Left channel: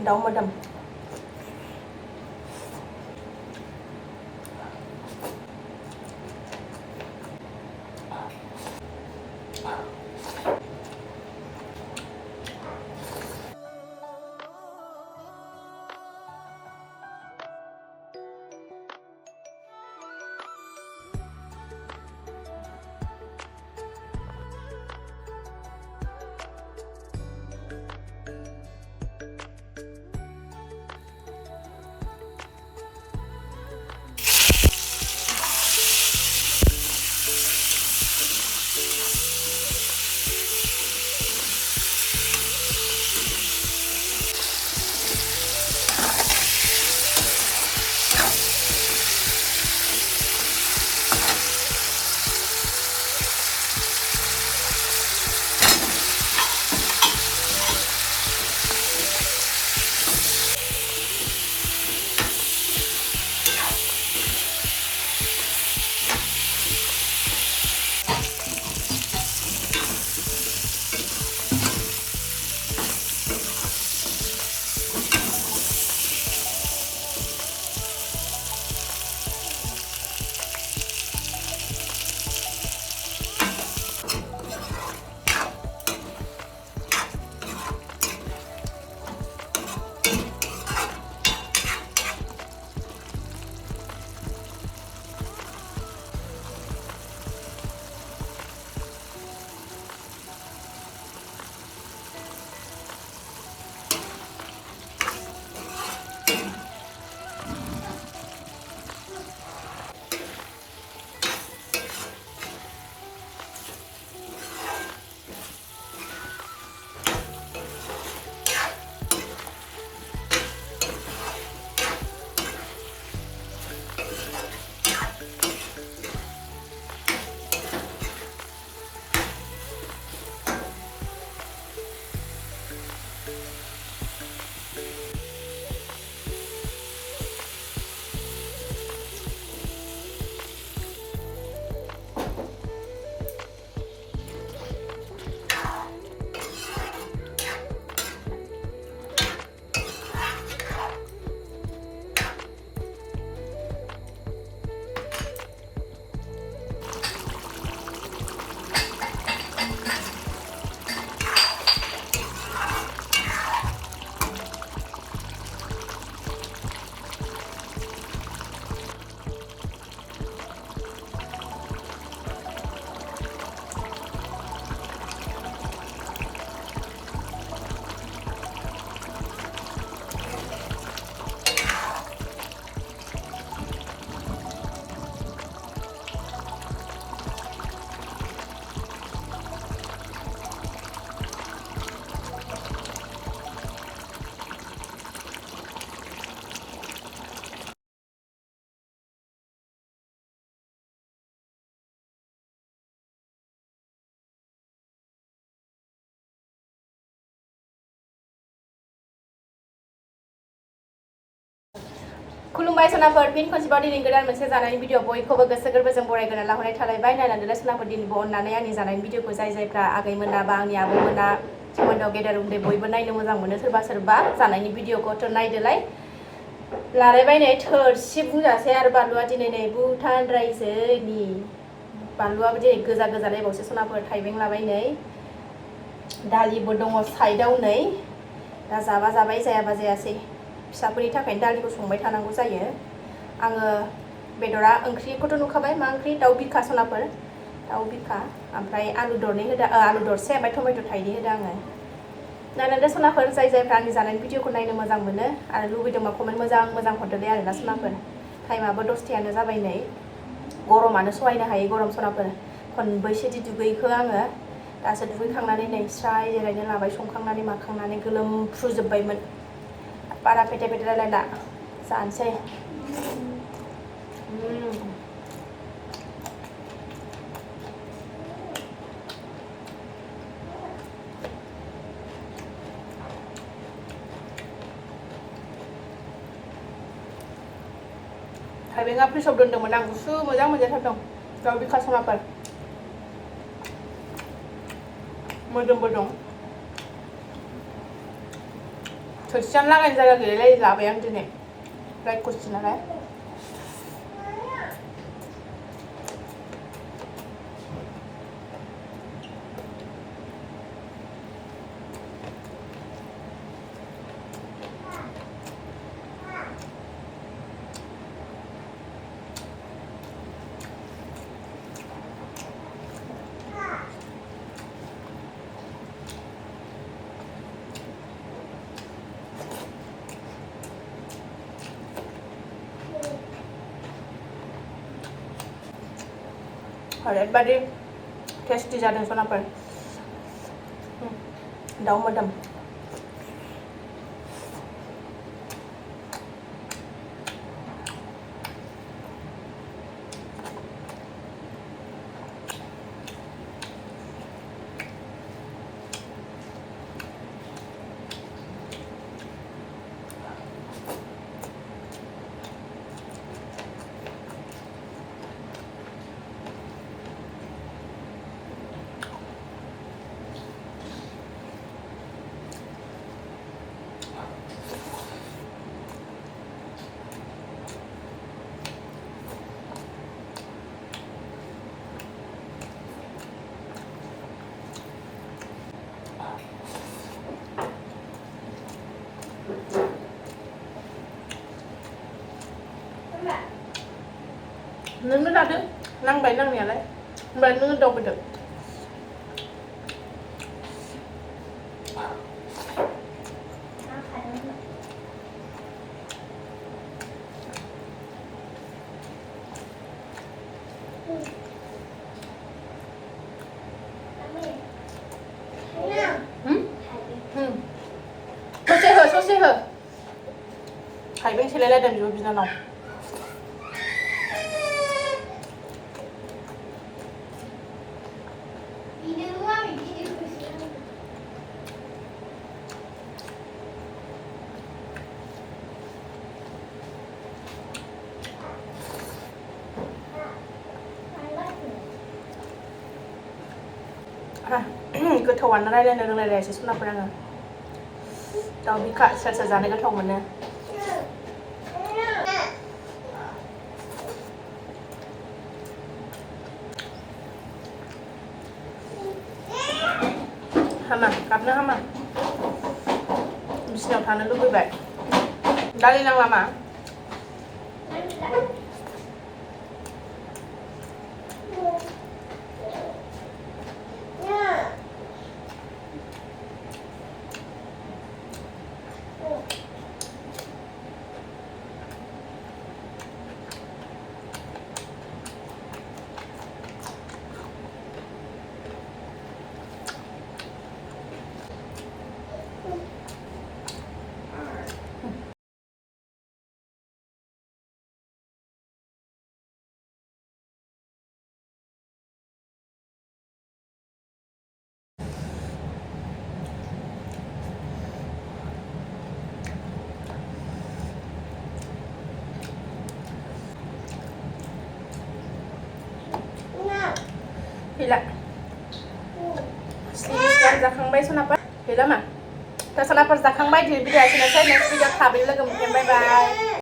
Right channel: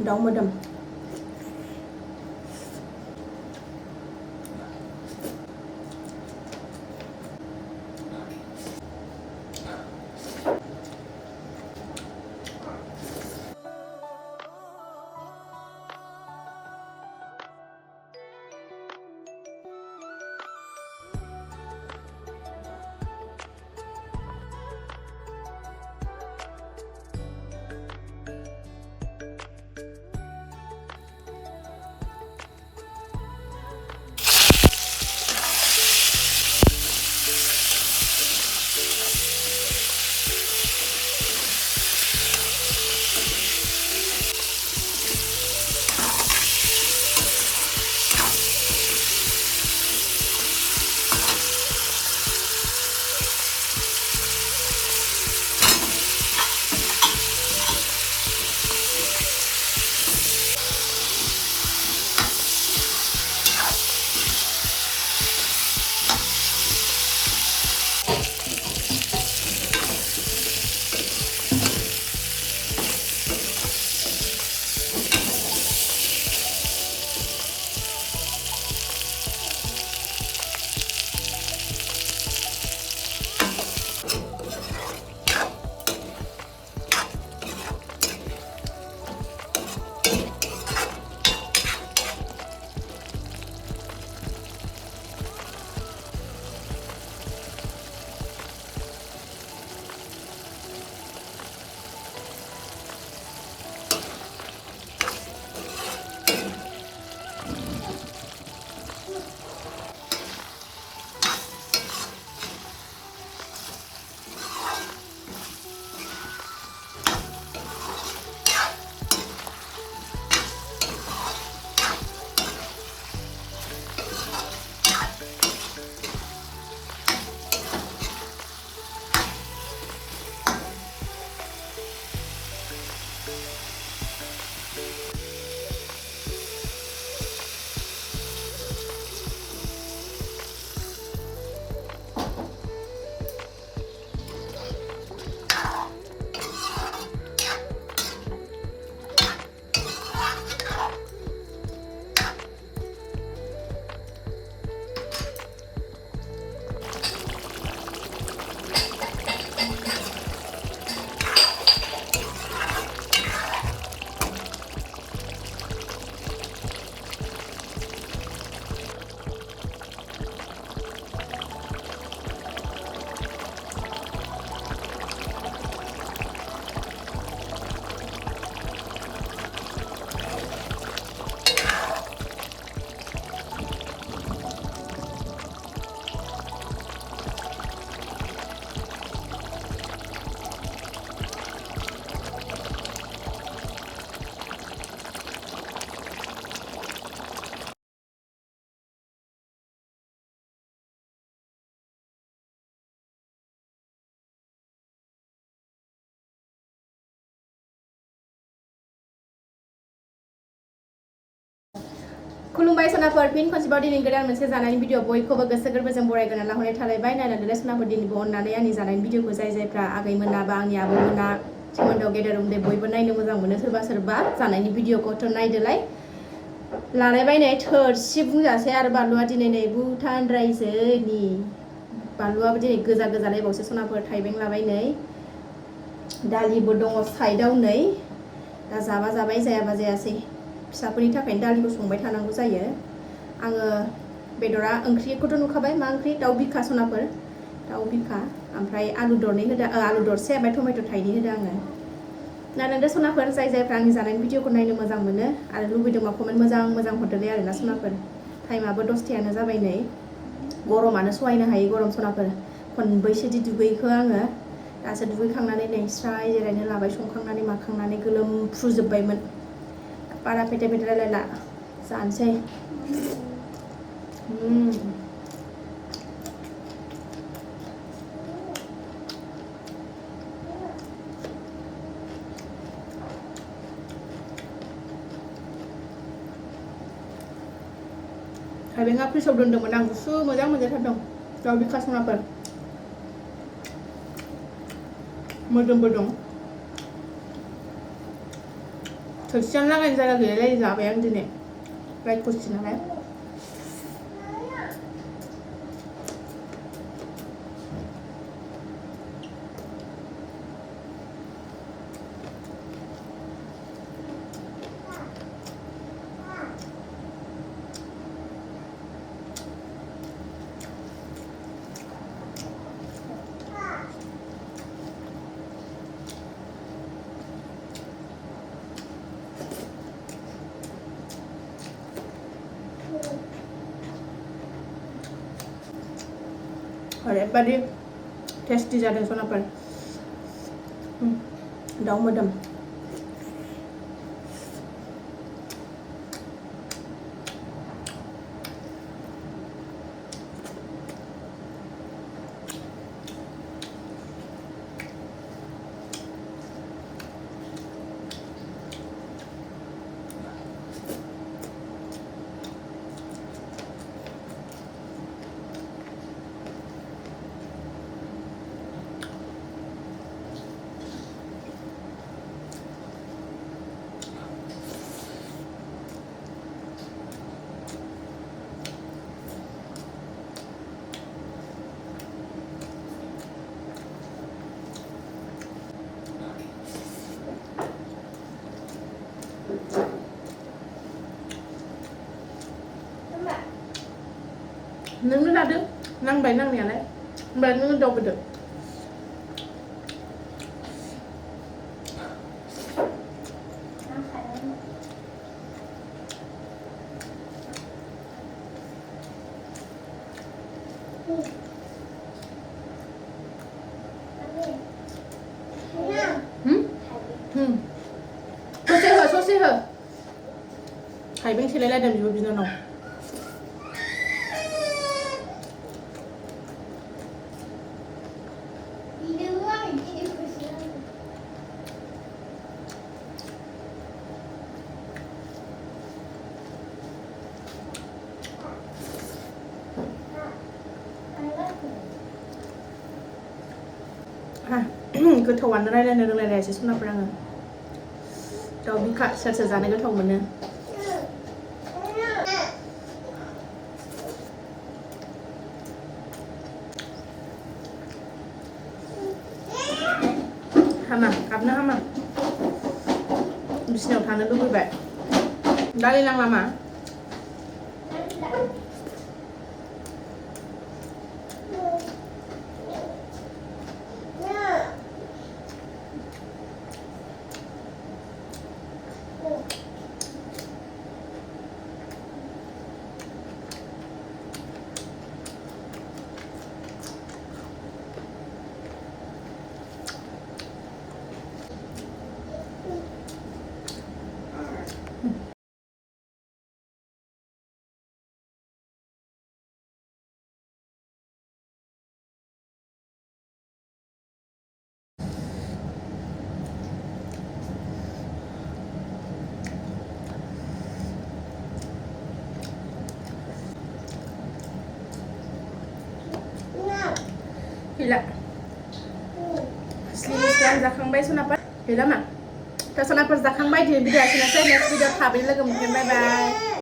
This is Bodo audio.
दाउ मोदोम खुलुमबाय सनाफोर फिन खनसेबाव दिनै गोदान मोनसे जानायनि भिडिअ बयखौबो गोसो गोरबोजों बरायग्रोना लाहरनाय थालायबाय नायनानै सनाफोर दिनैबो अननानै आंनि जानायनि भिडिअखौ जायफ्रा आगैमोना बा आंनि आबौमोना सोमोन्दोआव गेदेर उन्दै बयबो नायनो मोजां मोनो सोरबा जानायनि भिडिअखौथ' नायदोलाय लालायबाय नै थोरसि बुंजासै आरो बानलुआ दिनै नै भुटानद्रायसोनि बानलुआबो दिनै गोजा गोजालायबावसो सनाफोर थाइबें लाबाय नै दालिबो दङ साइडआव नै दा जाबा जाबाय जायाबा जायासै फिसाफोरनि थाखायनो दालिखौ संबाय थानांगौ जायो आङो बेदरा ओंख्रिखौथ' नुखाबाय मा ओंख्रि दाउ बिखा सनाफोर दाउ बिखा ओमफ्राय आलु दरनै होदो आलु दरसे ओमफ्राय टमेट' थाइनै होदो आङो नायनानै सनाफोर जायफ्रा आंनि जानायनि भिडिअखौ नायनो मोजां मोनो आरो लुबैदोंबा कमेन्ट मोजां हरदोलै आरोना सनाफोर टाइमाबो 10थायानो जाबाय नै गरमानो सहायनो हायै गरम सनाफोर खनबैसेदि दुगैखो आङो दासो दुगैखांनानै नै स्राय जिरायनो लाबाय संखांनानै माखांनानै गोलोमफ्रुजोब्बायमोन बारा फेथे रायलायला जानोसै थाइबेंआ फ्रिजआव दोन्दोंमोन आं गुसु मोजां मोनजाथारदों दाउ बिखा सनाफोर मोदोमबो दं थोरसियानो लागायनो जायगा गैलायलाय जाबाय आं दिनै राइट कुइसन नालाय ओरैबायदि टेस्टि जादों सनाफोर दाउ मोदोम नोंनो लादो नांबाय नांनायालाय ओमफ्राय नोङो दावबोदो ससे हो थाइबें सेलायलायदों बिब' बिनानाव गोथावानो रायलायनो रोंलायलायासै सनाफोर आङो दाउ बिखा सोर सोर जानो गोथाव मोनो हामा गाबनो हामा बिसिनायाव थानो लुबैबाय दालि नांला मा gila selesai जाखांबाय सनाफोर gila मा दा सनाफोर जाखांबाय दिनै भिडिअ एसेनोसै नेक्स्ट भिडिअ थाबैनो लोगो मोनगोन बाय बाय